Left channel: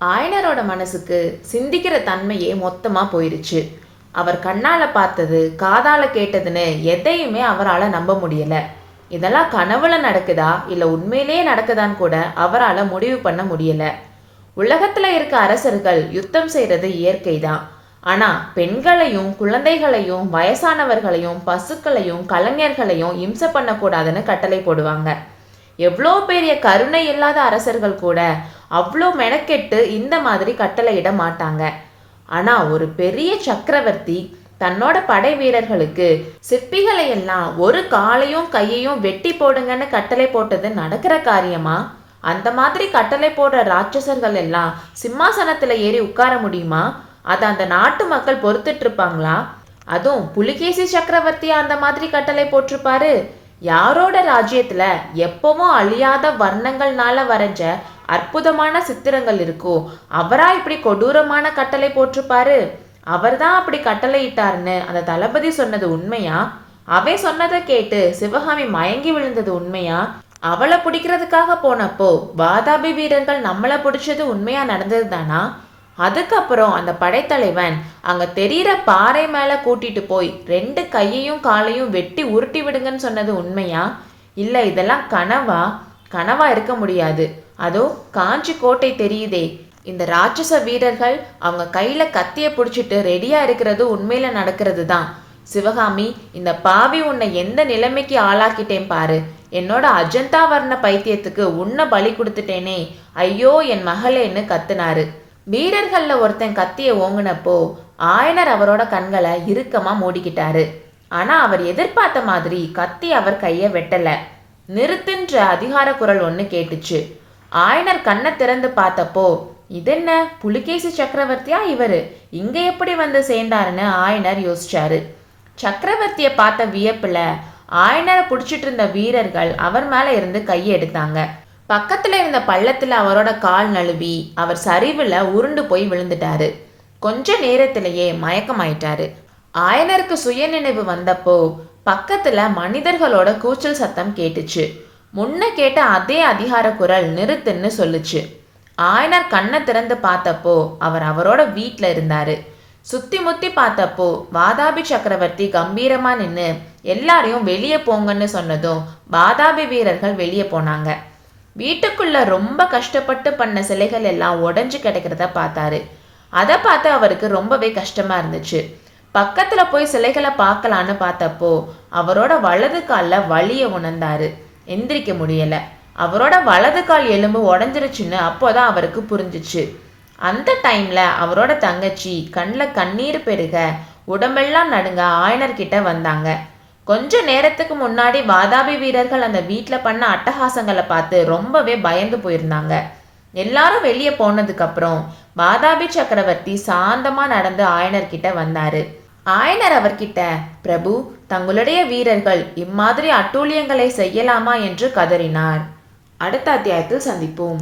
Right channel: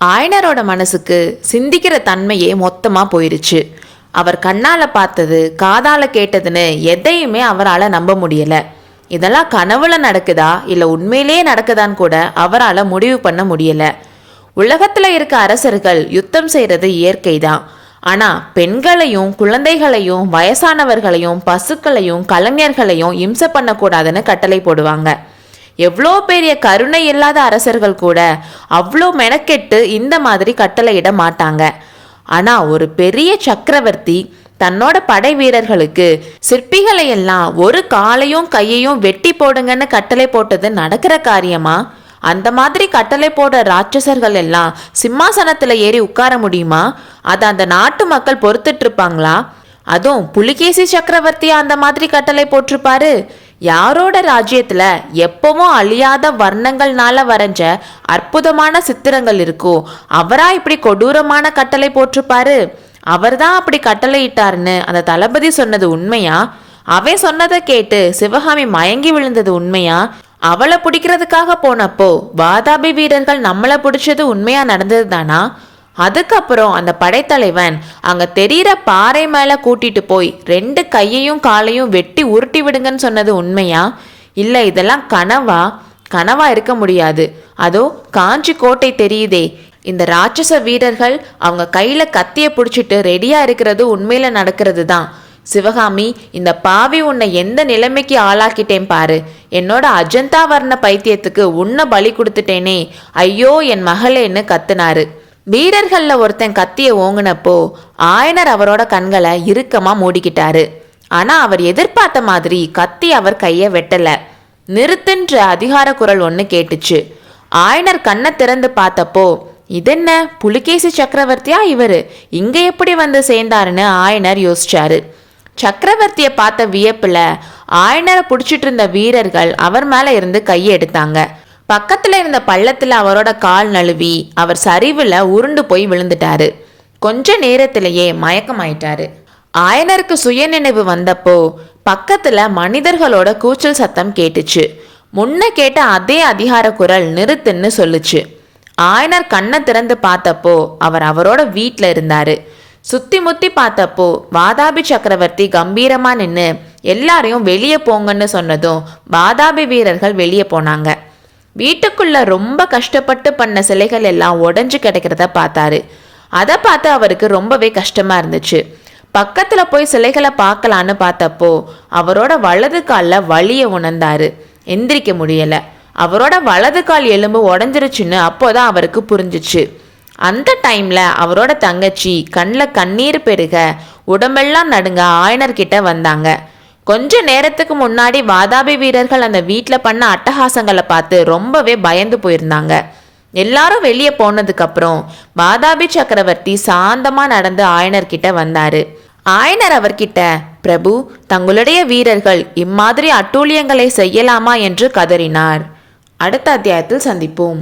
ஆயனரோட மனசுக்கு சிந்திக்கிற தன்மையே மொத்தமா போயிருச்சு. அவர் கண்ணால பார்த்தது காதால கேட்டதுன்னு எதையுமே அவரால் நம்ப முடியல. இதெல்லாம் கனவுல நடக்குதா இல்ல உண்மையிலேயே நடக்குதான்னு கூட அவரால் முடிவு பண்ண முடியல. உலகத்துல இருக்க அரசர்கள் யுத்தம் செய்யறது இயற்கைதான். ஆனா பெண்களையும் குழந்தைகளையும் வயசானவர்களையும் பசுக்களையும் கலைஞர்களையும் இம்சை பண்ணக்கூடாதுன்னு கட்டளை போடுவாங்க. எவ்வளோ பெரிய கருணை இல்லாத அரசர்கள் கூட அவ்வளோ மெனக்கெட்டு இந்த மாதிரி கட்டளையிட மாட்டாங்க. ஆனா ஒரு பெரிய சக்கரவர்த்தி தன்னோட படை வீரர்களுக்கு சிற்பிகளை எல்லாம் ஒரு காலையும் கையையும் வெட்டி போடுங்கன்னு கட்டளை போட்டது நடக்கிற காரியமா? அந்த மாதிரி கட்டளை போட ராட்சசர்கள் எல்லாம் சிம்மாசனத்துல ஏறி உட்கார முடியுமா? அதை அந்த நாட்டு மக்கள் பொறுத்துட்டு இருப்பாங்களா? அதுவும் புலிகேசி சக்கரவர்த்தி அந்த மாதிரி கட்டளை போட்டிருப்பாரு. யாரோட ராஜ்யத்துல எப்பவும் அழியாத வர்ணங்கள்னால வரைஞ்ச அற்புதமான சித்திரங்கள் இருக்கோ அவரா இப்படி கொடூரமான கட்டளை போட்டிருப்பாரு? அவர்தான் அப்படி கட்டளை இட்டாருன்னு அந்த தளபதி சொன்னது உண்மையா? அவன் சொன்னதை கேட்டு சிவகாமி மயங்கி விழுந்தது உண்மையா? அவளை பிடிக்கிறதுக்காக போனப்போ வாதாபி வீரர்கள் நம்மளை பிடிச்சது உண்மையா நடந்தது தானா? அதுக்கப்புறம் அந்த படைத்தலைவன் அங்க தெரிகிற பாறை மேல கூட்டிட்டு போய் 2 கையையும் காலையும் வெட்டி உருட்டி விடுங்கன்னு சொன்னது உண்மையா? இல்லை இதெல்லாம் கனவா இருக்க முடியாது. அதோ காஞ்சி கோட்டை தெரியுதே, இந்த ராட்சச வீரர்கள் அவங்க கையில கத்திய பிடிச்சிட்டு ரெடியா இருக்கிறது உண்மையில நடக்கிறது தான். சிவகாமி, இந்த பாவி உன்னை எந்த நிலைமைக்கு ஆளாக்கிட்டேன் பாரு. என்னோட அஜந்தா வர்ண பைத்தியத்துக்கு உன்னை பலி கொடுத்துட்டேனே, ஐயோ என் மகளேன்னு கத்துனாரு. வீரர்கள்ல ஒருத்தன் கத்திய ஓங்குனப்போ ஆயனர் அவரோட கண்களை இறுக்கமா மூடிக்கிட்டாரு. ஆனா அவர் எதிர்பார்த்த மாதிரி கத்தி அவர் கைய வெட்டல. நிறுத்துன்ற அதிகார குரல் ஒண்ணு கேட்டுச்சு. ஆயனர் கண்ணை திறந்து பார்த்தப்போ, இதென்ன புலிகேசி சக்கரவர்த்தியா இவரு, இங்க எப்படி வந்து சேர்ந்தாருன்னு ஆயனர் யோசிச்சாரு. சக்கரவர்த்தியை பார்த்த வியப்புல ஆயனரை பிடிச்சிட்டு இருந்த வீரர்கள் அவர் மேல இருந்து கையை எடுத்தாங்க. பக்கத்துல இருந்த பள்ளத்துல அவரோட கால் நழுவி அவர் சரிவுல உருண்டு போய் விழுந்துட்டாரு. கொஞ்ச நேரத்திலேயே மயக்கமாயிட்டாரு. ஆயனருக்கு சுய நினைவு வந்தப்போ பக்கத்துல மனிதர்களோட கூச்சல் சத்தம் கேட்டுச்சு. முன்ன கேட்ட அதே அதிகார குரல் நிறுத்துன்னு சொல்லுச்சு. ஆயனர் கண்ணை திறந்து பார்த்தப்போ அவர் அவரோட வீட்டில் இருந்தாரு. சுத்தி முத்தி பார்த்தப்போ வாதாபி சக்கரவர்த்தி கம்பீரமா நின்று எல்லாரையும் வெளியே போங்கன்னு சொன்னதும் வாதாபி வீரர்கள் வெளியே போனாங்க. வீட்டுக்குள்ள ரொம்ப கஷ்டப்பட்டு பண்ண சிலைகள் எல்லாம் உடஞ்சு கிடைக்கிறத பார்த்தாரு. அதை பார்த்து அவருக்கு ரொம்பவே கஷ்டமா இருந்துச்சு. பக்கத்துல போய் சிலைகளை பார்க்கலான்னு பார்த்தப்போ அவரோட வலது காலில் வலியை உணர்ந்தாரு. எந்திரிக்க முடியல. அவரோட வலது கால் எலும்பு உடஞ்சிருச்சுன்னு அப்போதான் அவருக்கு புரிஞ்சிச்சு. அந்த டைம்ல அவரோட தங்கச்சி கண்ணில் கண்ணீர் பெருக உடம்பெல்லாம் நடுங்க ஆயனர்கிட்ட வந்தாங்க. கொஞ்ச நேரத்துக்கு முன்னாடி வாதாபி வீரர்கள் அந்த வீட்டில் பண்ண அட்டகாசங்களை பார்த்து ரொம்பவே பயந்து போயிருந்தாங்க. எல்லாரும் வெளியே போனதுக்கு அப்புறம் வாதாபி சக்கரவர்த்தி சாந்தமா நடந்து ஆயனர்கிட்ட வந்தாரு. ஆயனர் அவர்கிட்ட, பிரபு, தங்களுடைய வீரர்கள் இம்மாதிரி அட்டூழியங்களை செய்யலாமா என்று கதறினார். அடுத்த அத்தியாயத்தில் சந்திப்போம்.